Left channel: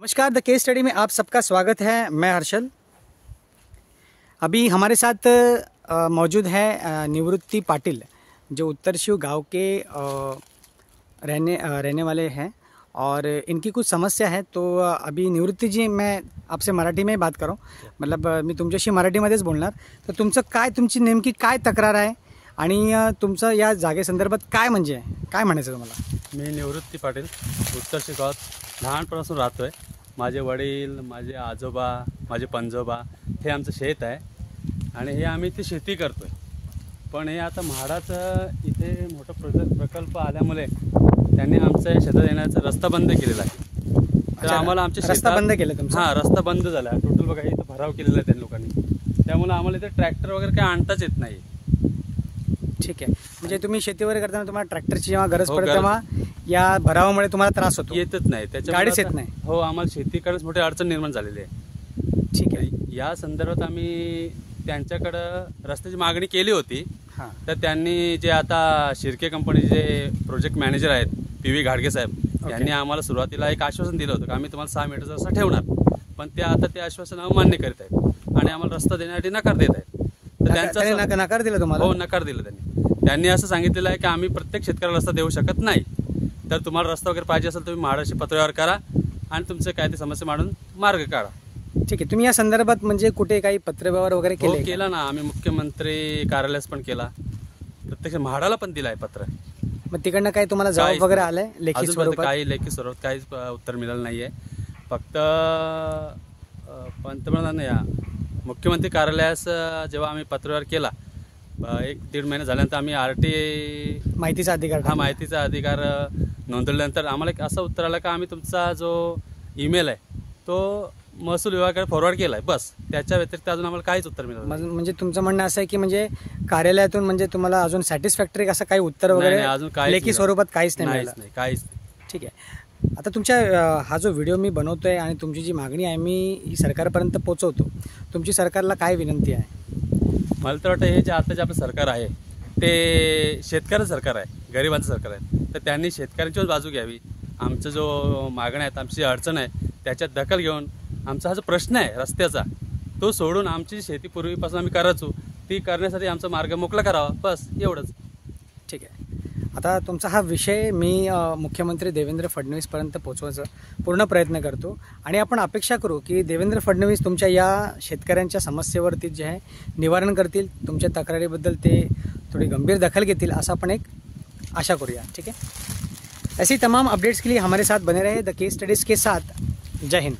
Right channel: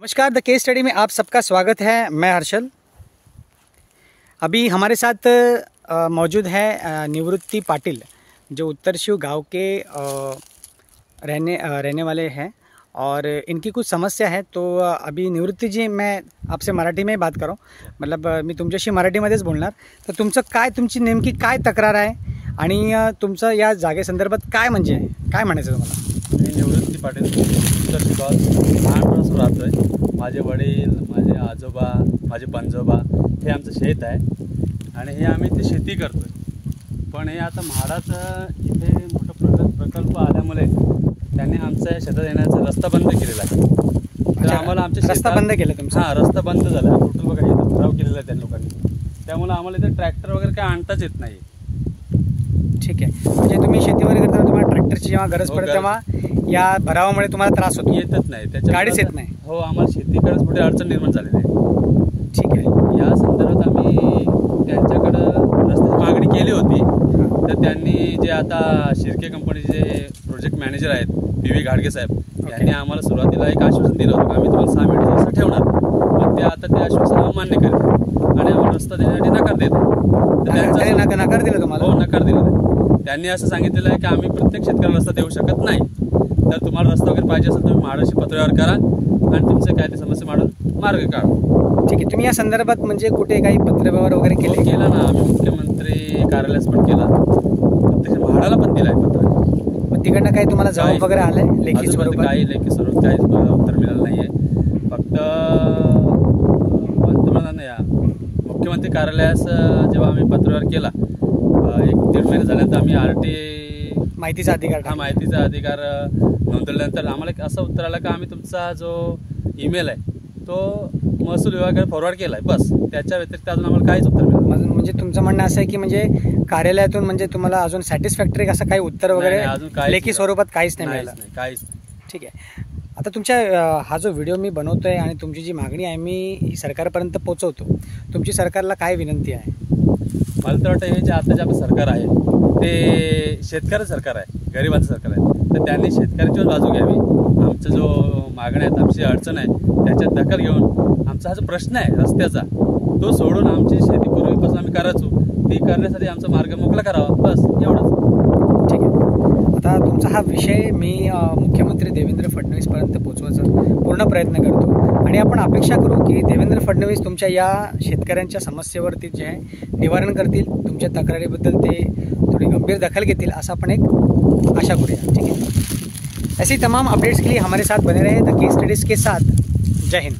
नमस्कार, the case study में आप सबका स्वागत है। मैं हर्षल। अभी हमारे साथ मौजूद है निवृत्ति पाटिल, जो उत्तर शिव गांव के रहने वाले हैं और इनकी कुछ समस्या है। तो अभी निवृत्ती जी, मैं आपसे मराठी में बात करो, मतलब मी तुमच्याशी मराठीमध्येच बोलणार। तर तुमची नेमकी काय तक्रार आहे आणि तुमचं या जागेसंदर्भात काय म्हणजे काय म्हणायचं तुम्हाला? मी निवृत्ती पाटील उत्तर शिगावात लहानपणापासून राहतो आहे। माझे वडील, माझे आजोबा, माझे पंजोबा हे आमचं शेत आहे आणि हे आम्ही ते शेती करतो आहे। पण हे आता म्हाडाचं इथे मोठं प्रकल्प आल्यामुळे त्यांनी आमच्या शेतात येण्याचा रस्ता बंद केलेला आहे। तर आम्हाला आमच्या रस्ता बंद केला तुमचा? हां, रस्ता बंद झाला टोटल। बघा, इथं भराव केलेला आहे त्या लोकांनी, त्यामुळे आम्हाला इथे ट्रॅक्टर वगैरे काही आणताच येत नाही। ठीक आहे, म्हणजे तुम्ही शेती वगैरे करताना तुम्हाला ट्रॅक्टरची जेव्हा गरज पडते तेव्हा या भरावामुळे तुम्हाला त्रास होतो? येतच नाही, त्याच्या गाडीच येत नाही? हो, आम्हाला शेती करण्यास मोठी अडचण निर्माण झालेली आहे। ठीक आहे, या संदर्भात आम्ही त्यांच्याकडं रस्त्याची मागणी केली होती। तर त्यांनी जे आता शिर्के कंपनीचे जे प्रोजेक्ट मॅनेजर आहेत PV घाडगे साहेब, यांनी आम्हाला सुरुवातीला एक आश्वासन दिलं होतं की आम्ही तुम्हाला 6 मीटर रस्ता ठेवणार, पण ते आता ते आश्वासन अमान्य करतात आणि आम्हाला रस्ता देण्यासाठी नकार देत आहेत। तर त्यांचा नकार दिला तुम्हाला? हो, नकार दिला आहे। त्यांनी असं सांगितलेलं आहे की आम्ही प्रत्येक शेतकऱ्याला रस्ता देऊ शकत नाही, तर तुम्हाला रस्ता वगैरे पाहिजे असेल तुम्ही म्हाडाशी पत्रव्यवहार करा आणि तुमचे काय ते समस्या मांडून मार्ग काढा। ठीक आहे, तुम्ही या संदर्भात म्हणजे कुठे काही पत्रव्यवहार वगैरे केला ना? आम्ही मुख्यमंत्री कार्यालयास पण केला, प्रत्यक्ष म्हाडाला पण दिलाय पत्र। मग तिकडनं काही तुम्हाला जबाब वगैरे आलाय लेखी स्वरूपात? काही लेखी स्वरूपात काही उत्तर मिळालं नाहीये। फक्त पंतप्रधान या मुख्यमंत्री कार्यालयास जेव्हा आम्ही पत्रव्यवहार केला 1-1.5 महिने झाल्यानंतर आम्ही RT माहितीचा अधिकार नोंदवल्यानंतर आम्हाला एक असं उत्तर आलं की आम्ही तुमचा जो ईमेल आहे तो महसूल विभागाकडे फॉरवर्ड केला आहे, बस। त्याच्या व्यतिरिक्त अजून आम्हाला काहीच उत्तर मिळालं। म्हणजे तुमचं म्हणणं असं आहे की म्हणजे कार्यालयातून म्हणजे तुम्हाला अजून सॅटिस्फॅक्टरी असं काही उत्तर वगैरे लेखी स्वरूपात काहीच नाही मिळालं? काहीच। ठीक आहे, आता तुमच्या हा जो व्हिडिओ मी बनवतोय आणि तुमची जी मागणी आहे मी सरकारपर्यंत पोहोचवतो, तुमची सरकारला काय विनंती आहे? मला तर वाटतं हे जे आता जे आपलं सरकार आहे ते शेतकऱ्याचं सरकार आहे, गरिबांचं सरकार आहे। तर त्यांनी शेतकऱ्यांचीच बाजू घ्यावी। आमचं जो मागण्या आहेत, आमची अडचण आहे, त्याच्यात दखल घेऊन आमचा हा जो प्रश्न आहे रस्त्याचा तो सोडून आमची शेती पूर्वीपासून आम्ही करायचो ती करण्यासाठी आमचा मार्ग मोकळा करावा, बस एवढंच। ठीक आहे, आता तुमचा हा विषय मी मुख्यमंत्री देवेंद्र फडणवीसपर्यंत पोहोचवायचा पूर्ण प्रयत्न करतो आणि आपण अपेक्षा करू की देवेंद्र फडणवीस तुमच्या या शेतकऱ्यांच्या समस्येवरती जे आहे निवारण करतील, तुमच्या तक्रारीबद्दल ते थोड़ी गंभीर दखल घेतील, असं आपण एक आशा करूया। ठीक है, ऐसी तमाम अपडेट्स के लिए हमारे साथ बने रहे द केस स्टडीज़ के साथ। जय हिंद।